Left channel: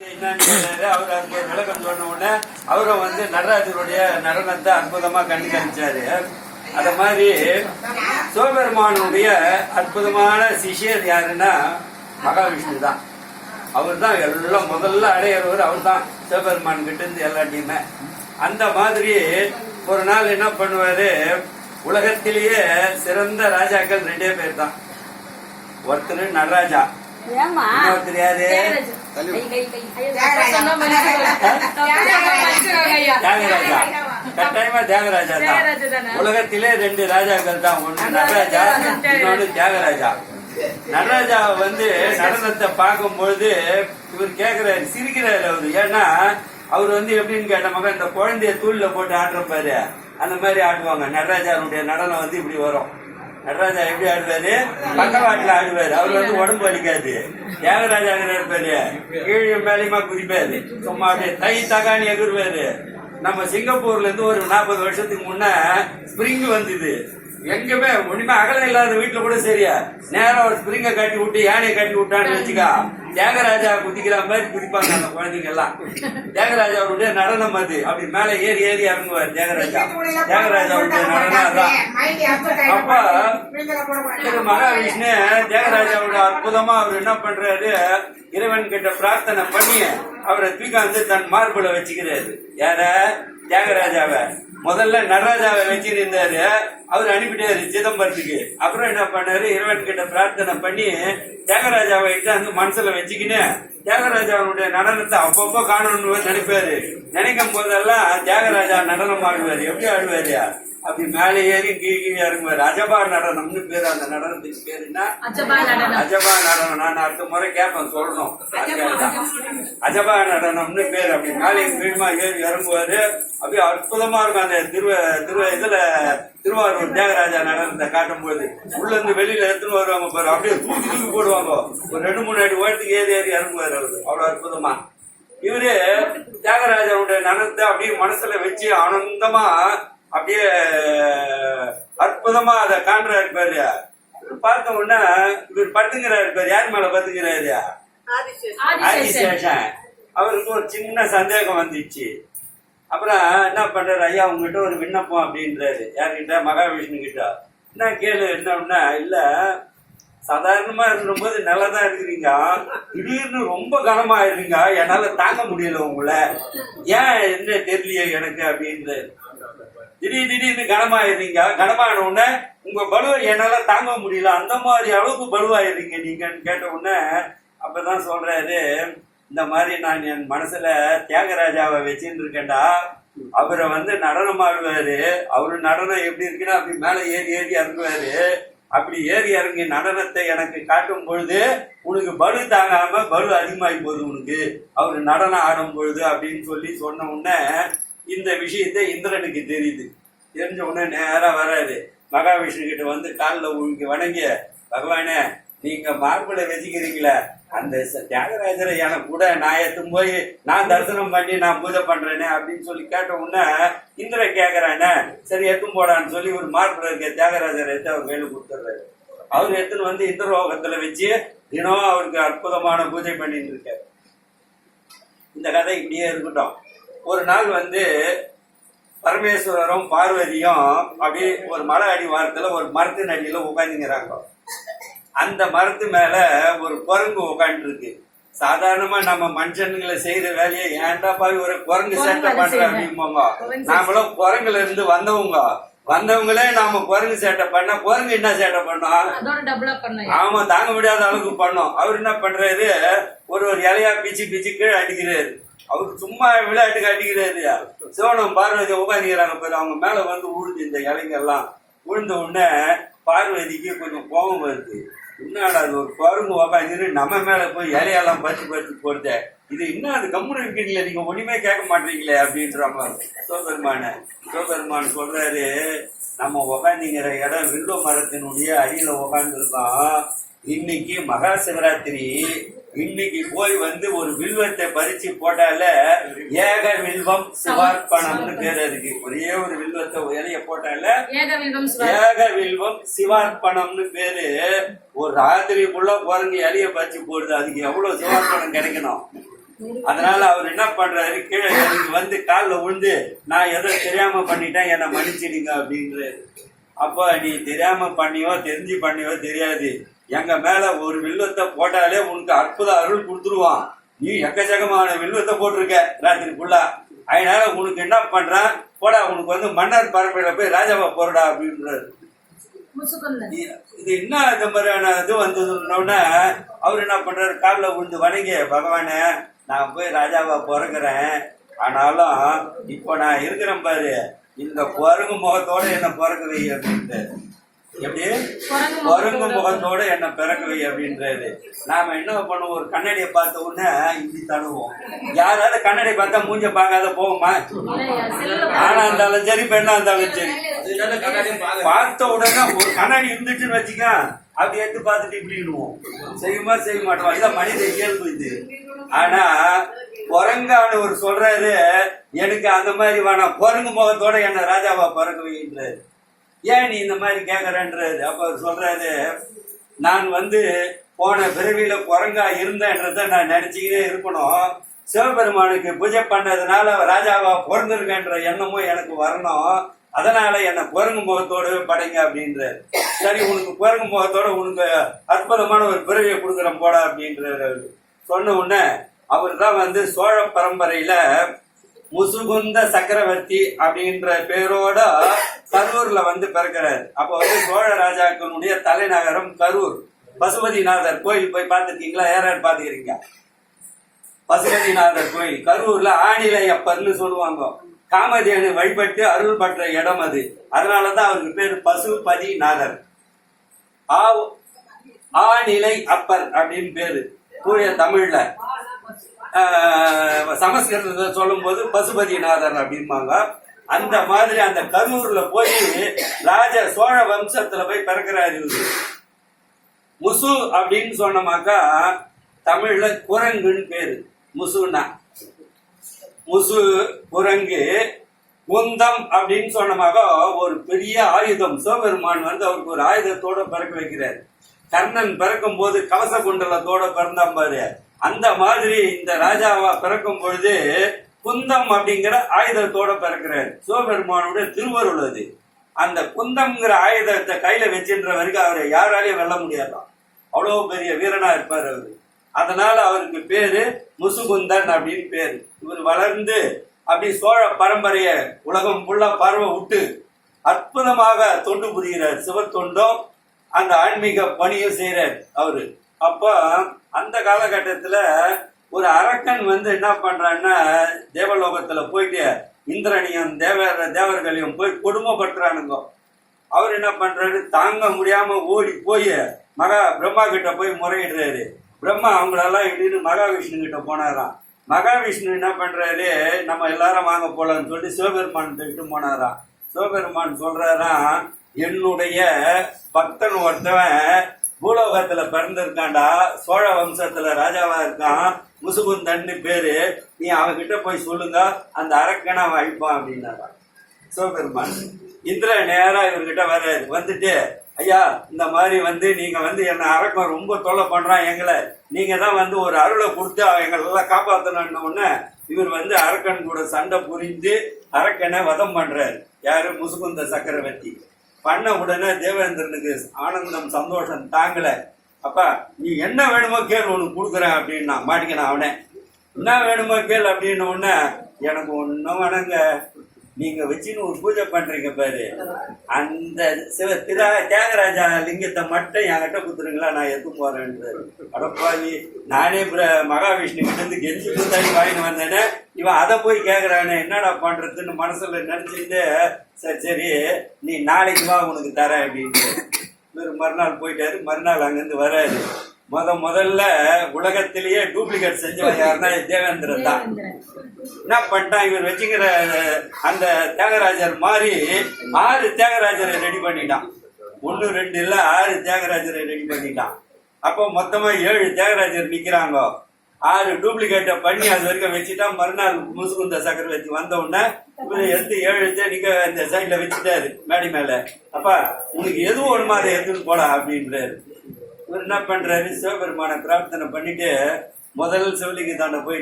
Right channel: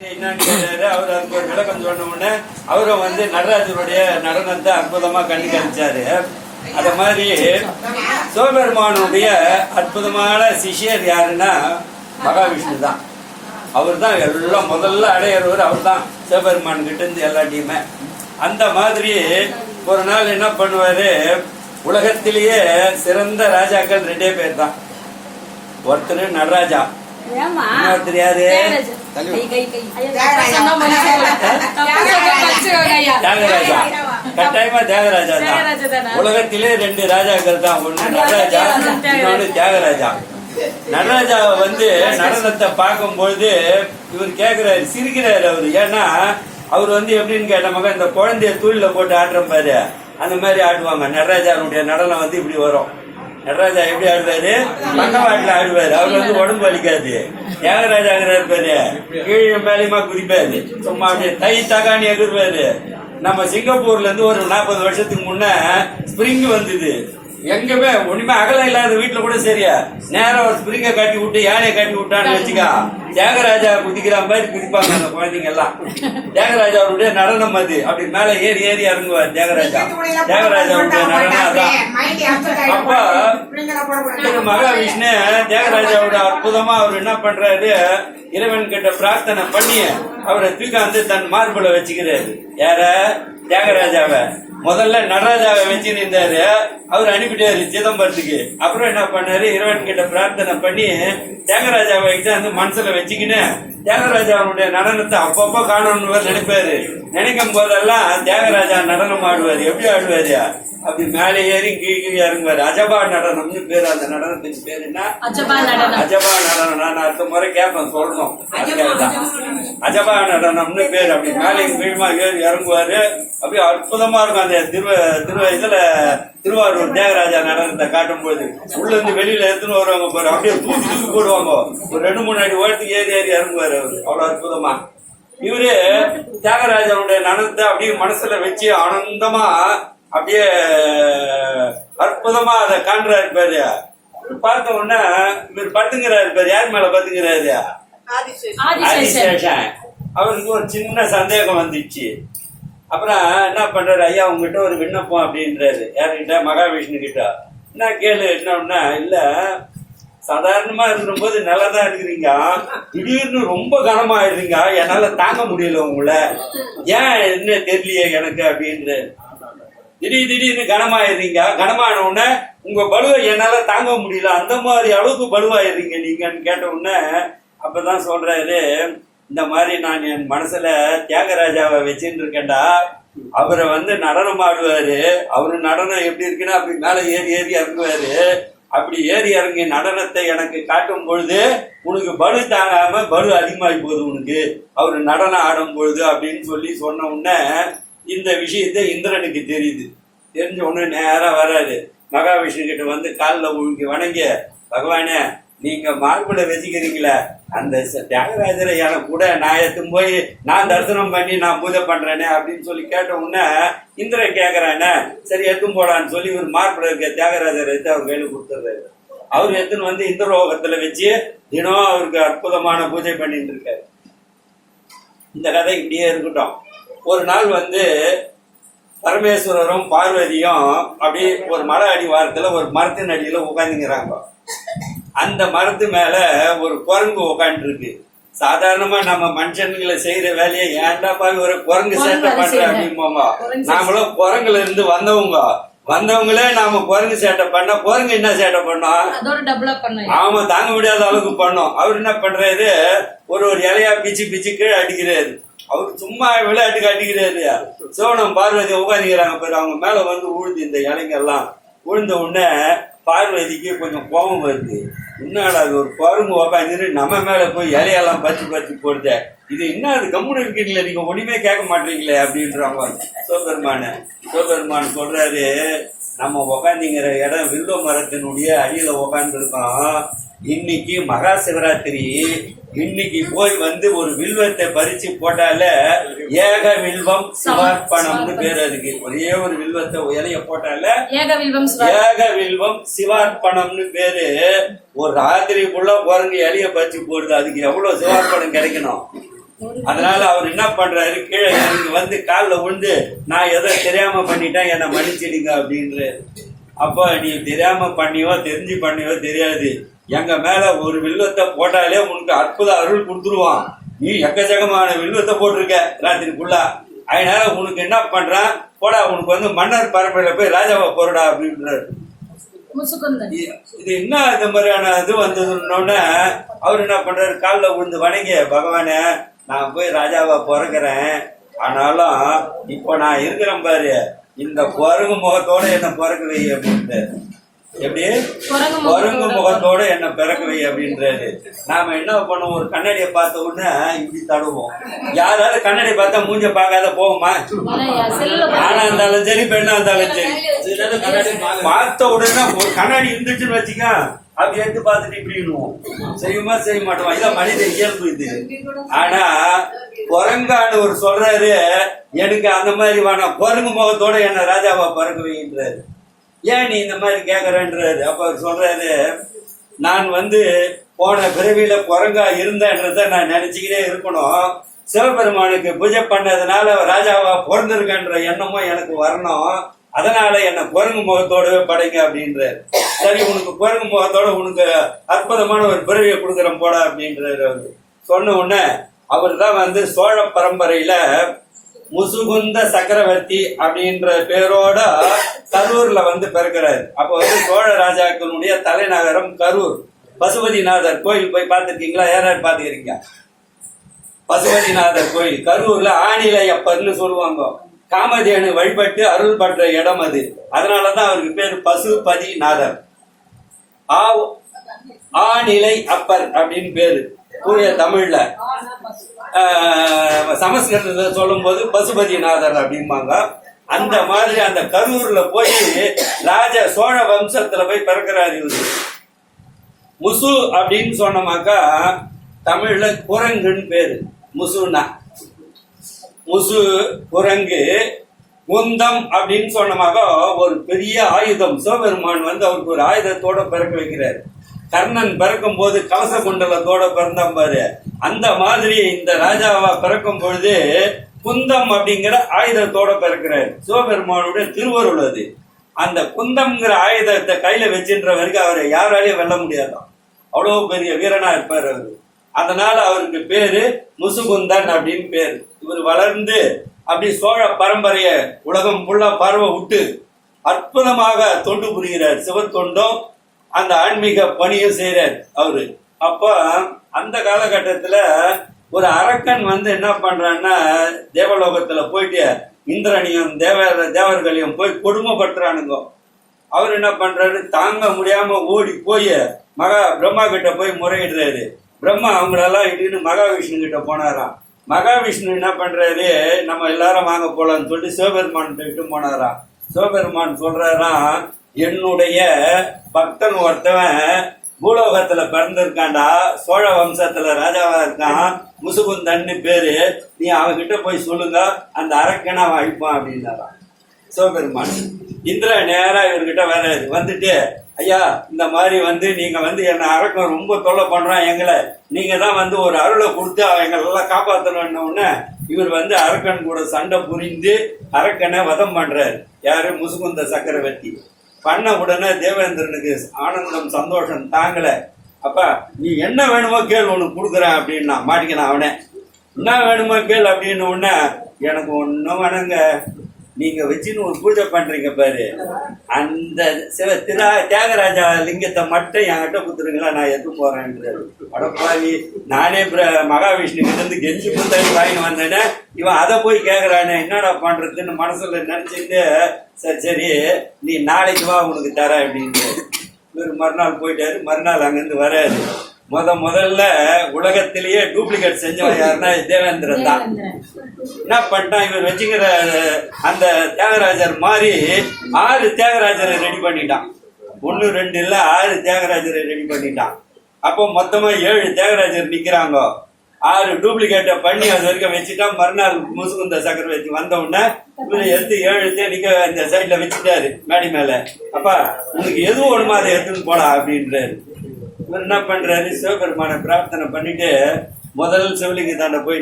என்னன்னு அவர் அதுக்கு ஒரு விளக்கம் சொன்ன உடனே அவரும் வந்து நடராஜருடைய நடனத்தை அற்புதமா கண்டு கழிச்சாரு அத மாதிரி சிவபெருமானுடைய அற்புதமான சிஷியர் யாருன்னா மகாவிஷ்ணு தான் அவர் தான் எல்லாம் முதல்ல அடையிறவர் அவர் தான் சிவபெருமான் கிட்ட இருந்து எல்லாத்தையுமே. அந்த மாதிரி ஒரு நாள் என்ன பண்ணுவாரு? உலகத்திலேயே சிறந்த ராஜாக்கள் ரெண்டே பேர் தான் ஒருத்தர் நடராஜா தியாகராஜா கட்டாயமா தியாகராஜா தியாகராஜா தான்? உலகத்திலே ரெண்டு ராஜாக்கள் தான். ஒண்ணு நடராஜா தியாகராஜா. இன்னொன்னு தியாகராஜா நடராஜாவை வந்து நடனத்தை பார்க்கும்பொழுது இவர் கேக்குறாரு சிரிக்கிறாரு அவரு. ஏன்னா அவர் வந்து எப்படின்னு கேட்ட மகன் இந்த குழந்தைய தூள்ல போட்டு ஆடுற பாரு. அந்த மாதிரி ஆடுவாங்க. நடராஜாவுடைய நடனம் வந்து இப்படி வரும். நடராஜா எப்படி ஆடுவாரு பக்கவாட்டுல ஆடுவாரு. அவர் வந்து உடம்பு வலிக்காது. தியாகராஜாங்கிறாரு இருப்பாரு கீழே மேலேயுமா குதிப்பாரு. சும்மா அப்படியே தை தகாணி எதிர்ப்பாரு நம்ம சிங்கப்பூர்ல இருந்து ஒரு நாற்பது வருஷத்துக்கு முன்ன ஸ்பிரிங் வந்தது. எங்கேயுமே ஒண்ணுமே அகலம் இல்லாத வீட்டுல கூட சரியா? நேரம் ஒரு ஸ்பிரிங்க கட்டி விட்டு யானையை கட்டி விட்டான்னு வச்சுக்கா. தியாகராஜா குதிக்கிற மாதிரி குதிப்பாங்க அந்த குழந்தைங்க எல்லாம் தியாகராஜாவுடைய நடனம் அது. அப்படி மேல ஏறி ஏறி இறங்குவார் தியாகராஜா. தியாகராஜாவுடைய நடனம் அதான். அப்ப திரு மகாவிஷ்ணு தியாகராஜாவோட அற்புதமா அவர் என்ன பண்றாரு? இறைவன் கிட்ட பிரார்த்தனை பண்ணி அவரை தூக்காந்து தன் மார்புல வச்சுக்கிறாரு. யார? தியாகராஜாவை. முதல்ல நடராஜாவை வச்சு நின்றாரு அவர் அனுப்பிட்டாரு சிதம்பரத்துக்கு. அப்புறம் என்ன பண்ணாரு? இறைவன் கிட்ட பிரார்த்தனை பண்ணி தியாகராஜாவை வந்து மனசுல வச்சுக்கின்னு தியாகராஜாவுடைய நடனத்தை அப்பப்போ காணணும்னு நினைப்பாரு. நினைக்கும் போதெல்லாம் தியாகராஜா நடனம் ஆடுவாரு. எப்படி ஆடுவாரு? அப்படி மேலே ஏறி கீழே கீழே இறங்குவாரு அஜபா நடனம்னு பேரு. அந்த நடனத்துக்கு பேரு என்ன? அஜபா நடனம். நான் அடுத்த முறை கேட்பேன் சொல்லணும். அஜபா நடனம்னு பேர். அப்படி மேலே கீழமா ஏறி இறங்குவாரு. அப்படியே அற்புதமா இருக்கும். அந்த திரு திரு இதுல திருவாரூர் தியாகராஜா நடனத்தை காட்டும்போது. உள்ள இருந்து வெளியில எடுத்துன்னு வருவாங்க பாரு. அப்படியே தூக்கி தூக்கி போடுவாங்க. ஒரு ரெண்டு மூணு அடி உயரத்துக்கு ஏறி ஏறி இறங்குவாரு அவரு. அவ்வளவு அற்புதமா. இவரு தியாகராஜனுடைய நடனத்தை அப்படியே மனசுல வச்சு ஆனந்தமா அப்படியே அற்புதமா அதை காண்றாரு பாரு. பார்த்த உடனே இவர் படுத்துங்கிறாரு பாரு. யார் மேல படுத்துங்கிறாரு ஆதிசேஷன். அவருக்கு ஒரு சின்ன சந்தேகம் வந்துச்சு. அப்புறம் என்ன பண்றாரு? ஐயா உங்ககிட்ட ஒரு விண்ணப்பம் அப்படின்றாரு. யாருக்கிட்ட மகாவிஷ்ணு கிட்ட என்ன கேளு என்ன இல்ல சாதாரணமா இருக்கும்போது நல்லா தான் இருக்கிறீங்க. திடீர்னு ரொம்ப கனமாயிடுறீங்க என்னால தாங்க முடியல உங்களை. ஏன் என்ன தெரியலையே எனக்கு அப்படின்றாரு. திடீர் திடீர்னு கனமாயிடுறீங்க. கனமான உடனே உங்க பலுவை என்னால தாங்க முடியல. அந்த மாதிரி அளவுக்கு பலுவாயிடுறீங்க நீங்கன்னு கேட்ட உடனே அப்பதான் சொல்றாரு இந்த மாதிரி நான் என் மனசுல தியாகராஜாவை வச்சுட்டு இருக்கேன்டா. அவரை வந்து நடனம் ஆடுவாரு. அவரு நடனம் எப்படி இருக்குன்னா அப்படி மேல ஏறி ஏறி இறங்குவாரு. அப்படி ஏறி இறங்கி நடனத்தை எனக்கு காட்டும் பொழுது உனக்கு பலு தாங்காம பலு அதிகமாகி போகுது உனக்கு. அவர் நடனம் ஆடும் பொழுது அப்படின்னு சொல்லி சொன்ன உடனே இந்த விஷயத்தை இந்திரனுக்கு தெரியுது. தெரிஞ்ச உடனே நேராக வராது மகாவிஷ்ணு கிட்ட வந்து காலில் உழுக்கி வணங்கி பகவானே நீங்கள் மார்பிளை வச்சுக்கிறீங்களே அந்த தியாகராஜரை எனக்கு கூட நான் எத்தும் போய் நான் தரிசனம் பண்ணி நான் பூஜை பண்ணுறேனே அப்படின்னு சொல்லி கேட்ட உடனே இந்திரன் கேட்குறானே சரி எத்தும் போடான்னு சொல்லி ஒரு மார்பிளை இருக்க தியாகராஜரை எடுத்து அவர் கையில கொடுத்துட்றாரு. அவர் எடுத்துன்னு வந்து இந்திரோகத்தில் வச்சு தினம் அவருக்கு அற்புதமான பூஜை பண்ணிட்டு இருக்காரு. இந்த கதை இப்படியே இருக்கட்டும். ஒரு நாள் வந்து பரமேஸ்வரரும் பார்வதியும் அப்படியே ஒரு மலை அடி வாரத்துல ஒரு மரத்தின் அடியில உட்காந்துங்கிறாங்க அந்த மரத்து மேல ஒரு குரங்கு உட்காந்துருக்கு சாதாரணமா நம்ம மனுஷனுங்களை செய்யற வேலையை ஏன்டா பாவி ஒரு குரங்கு சேட்டை பண்ற. அப்படிம்போங்க நாமளும் குரங்குல இருந்து வந்தவங்க. வந்தவங்களே நாம குரங்கு சேட்டை பண்ணா குரங்கு என்ன சேட்டை பண்ணோம் ஆமா தாங்க முடியாத அளவுக்கு பண்ணோம். அவர் என்ன பண்றாரு? ஒரு ஒரு இலையா பிச்சு பிச்சு கீழே அடிக்கிறாரு. அவர் சும்மா விளையாட்டு காட்டிக்கிறாரு. சிவனம் பார்வதி உட்காந்துக்கிறாங்க பேர். அவங்க மேல வந்து உழுது இந்த இலைங்கெல்லாம் உழுந்த உடனே பார்வதிக்கு கொஞ்சம் கோபம் வருது. என்னடா அது ஒரு பருங்கு உக்காந்துட்டு நம்ம மேல போய் இலையெல்லாம் பறிச்சு பறிச்சு போடுத. இது என்ன அது கம்முன்னு இருக்கீங்களே? நீங்க ஒண்ணுமே கேட்க மாட்டீங்களே அப்படின்றாங்க சிவபெருமான சிவபெருமான் சொல்றாரு நம்ம உக்காந்துங்கிற இடம் வில்லோ மரத்தினுடைய அடியில உக்காந்துருக்கோம். இன்னைக்கு மகா சிவராத்திரி. இன்னைக்கு போய் வந்து ஒரு வில்வத்தை பறிச்சு போட்டால ஏக வில்வம் சிவார்ப்பணம்னு பேர் அதுக்கு. ஒரே ஒரு வில்வத்தை இலைய போட்டால ஏக வில்வம் சிவார்ப்பணம்னு பேரு. ஒரு ராத்திரிக்குள்ள குரங்கு இலைய பறிச்சு போடுது. அதுக்கு எவ்வளவு சிவார்ப்பணம் கிடைக்கணும்? அதனால அவர் என்ன பண்றாரு? கீழே இறங்கி வந்து காலில் விழுந்து நான் ஏதோ தெரியாம பண்ணிட்டேன் என்னை மன்னிச்சிடுங்க அப்படின்றாரு. அப்போ நீ தெரியாம பண்ணியோ தெரிஞ்சு பண்ணியோ தெரியாது. எங்க மேல ஒரு வில்வத்தை போட்டாலே உனக்கு அற்புத அருள் கொடுத்துருவான். நீ எக்கச்சக்கமான வில்வத்தை போட்டிருக்க ராத்திரிக்குள்ளா அதனால உனக்கு என்ன பண்றான்? போடா உனக்கு வந்து மன்னர் பரம்பரையில போய் ராஜாவை போறடா அப்படின்றாரு. இது என்ன இந்த மாதிரியான இது வந்ததுன்னொடனே அவர் என்ன பண்றாரு? காலில் விழுந்து வணங்கி பகவானே நான் போய் ராஜாவா பிறக்கிறேன். ஆனாலும் இப்போ நான் இருக்கிறேன் பாரு. இந்த குரங்கு முகத்தோட என்ன பிறக்க வை அப்படின்ட்டு எப்படி? குரங்கு முகத்தோட. என்ன பிறக்க வை அப்படின்றாரு. நாம என்ன பண்ணுவோம்? ஒரு கண்ணாடியை பார்த்த உடனே இப்படி தடுவோம். யாராவது கண்ணாடி பார்த்தா மூஞ்ச பார்க்காத போவோமா ஆணா இருந்தாலும் சரி பெண்ணா இருந்தாலும் சரி. பார்த்த உடனே ஒரு கண்ணாடி இருந்துச்சுன்னு வச்சுக்க அப்படி எடுத்து பார்த்துட்டு இப்படின்னுவோம். செய்யுமா செய்ய மாட்டோம்? இதான் மனித இயல்பு இது. ஆனா குரங்கான்னு ஒரு சொல்றாரு எனக்கு அந்த மாதிரி வேணாம். குரங்கு முகத்தோட என்ன ராஜாவா பிறக்க வைன்றாரு ஏன் நீ இந்த மாதிரி கேட்கறன்றாரு அப்போ அவர் சொல்கிறாரு நான் வந்து போன பிறவியில் குரங்கா இருந்தேன்றத நான் நினச்சிக்கிட்டே இருக்கணும். சிவபெருமானுக்கு பூஜை பண்ணதுனால அவர் ராஜாவா எண்ணமும் எனக்கு வரணும். அதனால என்னை குரங்கு முகத்தோடவே படைங்க அப்படின்றார். சரி உனக்கு குரங்கு முகத்தோட உனக்கு அற்புதமான ஒரு பிறவியை கொடுக்குறேன் போட அப்படின்றார் அவர். சொன்ன உடனே அவர் தான் வந்து சோழ பரம்பரையில் முசுகுந்த சக்கரவர்த்தி அப்படின்ற பேரோட கரூர்ல வந்து பிறக்கிறாரு. அப்போ வந்து சோழ ராஜாக்களுடைய தலைநகரம் கரூர். பசுபதிநாதர் கோயில் போய் பார்த்துருக்கீங்களா? யாராவது பார்த்துக்கிறீங்க பசுபதிநாதர் கோயில். கரூர்ல ஆணிலை அப்பர்னு சொல்லுவாங்க. காமதேனு வழிபட்டு அருள் பற்ற இடம் அது. அதனாலதான் அவருக்கு பேர் பசுபதிநாதர். ஆ ஆநிலை அப்பர் அப்படின்னு பேரு. தூய தமிழ்ல. சமஸ்கிருதத்தில் சமஸ்கிருதத்தை சொல்லும்போது பசுபதிநாதர் அப்படிம்பாங்க. அந்த மாதிரி அந்த கரூர்ல போய் ராஜ சோழ வம்சத்துல போய் பிறக்கிறார் இவரு. முசு அப்படின்னு சொன்னமாக்கா தமிழ்ல குரங்குன்னு பேரு. முசுனா முசு குரங்கு குந்தம் அப்படின்னு சொன்னமாக ஒரு பெரிய ஆயுதம். சிவபெருமான் வந்து அவருக்கு ஒரு ஆயுதத்தோட பிறக்க வைக்கிறார். கர்ணன் பிறக்கும் போது கவச குண்டலத்தோட பிறந்தான் பாரு. அந்த மாதிரி இந்த ராஜாவா பிறக்கும் பொழுது குந்தம் அப்படிங்கிற ஆயுதத்தோட பிறக்கிறார். சிவபெருமானுடைய திருவருள் அது. அந்த குந்தம்ங்கிற ஆயுதத்தை கையில வச்சுன்ற வரைக்கும் அவரை யாராலையும் வெல்ல முடியாதான். அவ்வளவு பெரிய வீரனா இருப்பார் அவரு. அதனால அவருக்கு பேரு முசுகுந்தன் அப்படின்னு பேர். இவர் வளர்ந்து அப்படி சோழ பரம்பரைய உலகம் ஃபுல்லா பரவ விட்டு அற்புதமாக தொண்டு புரிகிறார். சிவத்தொண்டும் அந்த ஆன்மீக பணியும் செய்கிறார் அவரு. அப்போ அந்த காலகட்டத்தில் ஒரு அரக்கன் வந்து என்ன பண்றான்னா தேவலோகத்தில் போயிட்டு இந்திரனையும் தேவ தேவர்களையும் போய் கொடுமைப்படுத்துறானுங்க. அவர் என்ன பண்றாரு? தாங்க முடியாம ஓடி போய் மகா பிரம்மா கிட்ட போய் முறையிடுறாரு. பிரம்மா அவங்களெல்லாம் இட்டுன்னு மகாவிஷ்ணு கிட்ட போனாராம். மகாவிஷ்ணு என்ன பண்றாரு? நம்ம எல்லாரும் வாங்க போகலான்னு சொல்லி சிவபெருமான் கிட்ட போனாராம். சிவபெருமான் சொல்றாராம் என்னுடைய பக்தன் ஒருத்தவன் பூலோகத்துல பிறந்திருக்காண்டா சோழ வம்சத்துல ராஜாவா இருக்கான் முசுகுந்தன்னு பேரு நீ அவன்கிட்ட போய் சொல்லுங்க அந்த அரக்கனை அவன் அழிப்பான் அப்படின்னாராம். சிவபெருமான். இந்திர நேரா இவர்கிட்ட வர்றாரு வந்துட்டு ஐயா இந்த மாதிரி வந்து நீங்க வந்து என்ன அரக்கம் ரொம்ப தொல்லை பண்றான் எங்களை. நீங்க தான் வந்து ஒரு அருளை கொடுத்து எங்களெல்லாம் காப்பாற்றணும்னு உடனே இவர் வந்து அரக்கன் கூட சண்டை புரிந்து அரக்கனை வதம் பண்றாரு. யாரு? முசுகுந்த சக்கரவர்த்தி. பண்ண உடனே தேவேந்திரனுக்கு ஆனந்தம் சந்தோஷம் தாங்கலை அப்பா நீ என்ன வேணுமோ கேள் உனக்கு கொடுக்குறேன் அப்படின்னா மாட்டிக்கினான் அவனே. என்ன வேணுமோ கேள் அப்படின்னு உடனே எனக்கு ஒன்றும் வேணுங்க. நீங்க வச்சுன்னு ஒரு பூஜை பண்றீங்க பாரு. அந்த சிவ திரா தியாகராஜா லிங்கத்தை மட்டும் என்கிட்ட கொடுத்துருங்களா நான் எடுத்து போறேன்றாரு அடப்பாவி. நானே பிர- மகாவிஷ்ணு கிட்ட இருந்து கெஞ்சி புத்தாடி வாங்கிட்டு வந்தேனே. இவன் அதை போய் கேட்கறானே என்னடா பண்றதுன்னு மனசுல நினைச்சிட்டு சரி சரி நீ நாளைக்கு வா உனக்கு தரேன் அப்படின்ட்டு. இவர் மறுநாள் போயிட்டாரு மறுநாள் அங்கேருந்து வராது முத முதல்ல உலகத்திலேயே டூப்ளிகேட் செஞ்சவன் யாருன்னா தேவேந்திரன் தான். என்ன பண்ணிட்டான்? இவர் வச்சுக்கிற அந்த தியாகராஜர் மாதிரி ஆறு தியாகராஜரை ரெடி பண்ணிட்டான். ஒன்று ரெண்டு இல்லை ஆறு தியாகராஜரை ரெடி பண்ணிட்டான். அப்போ மொத்தமா ஏழு தியாகராஜர் நிக்கிறாங்க. ஆறு டூப்ளிகேட்டை பண்ணி அது வரைக்கும் வச்சுட்டா மறுநாள் முசுகுந்த சக்கரவர்த்தி வந்த உடனே இவரை எடுத்து ஏழு தே நிக்க அந்த சைட்ல வச்சுட்டாரு மேடி மேல. அப்பா உனக்கு எது ஒண்ணுமா அதை எடுத்துன்னு போடா அப்படின்றாரு. இவர் என்ன பண்றாரு? சிவபெருமான பிரார்த்தனை பண்ணிட்டு முதல் சிவலிங்க தாண்ட போய்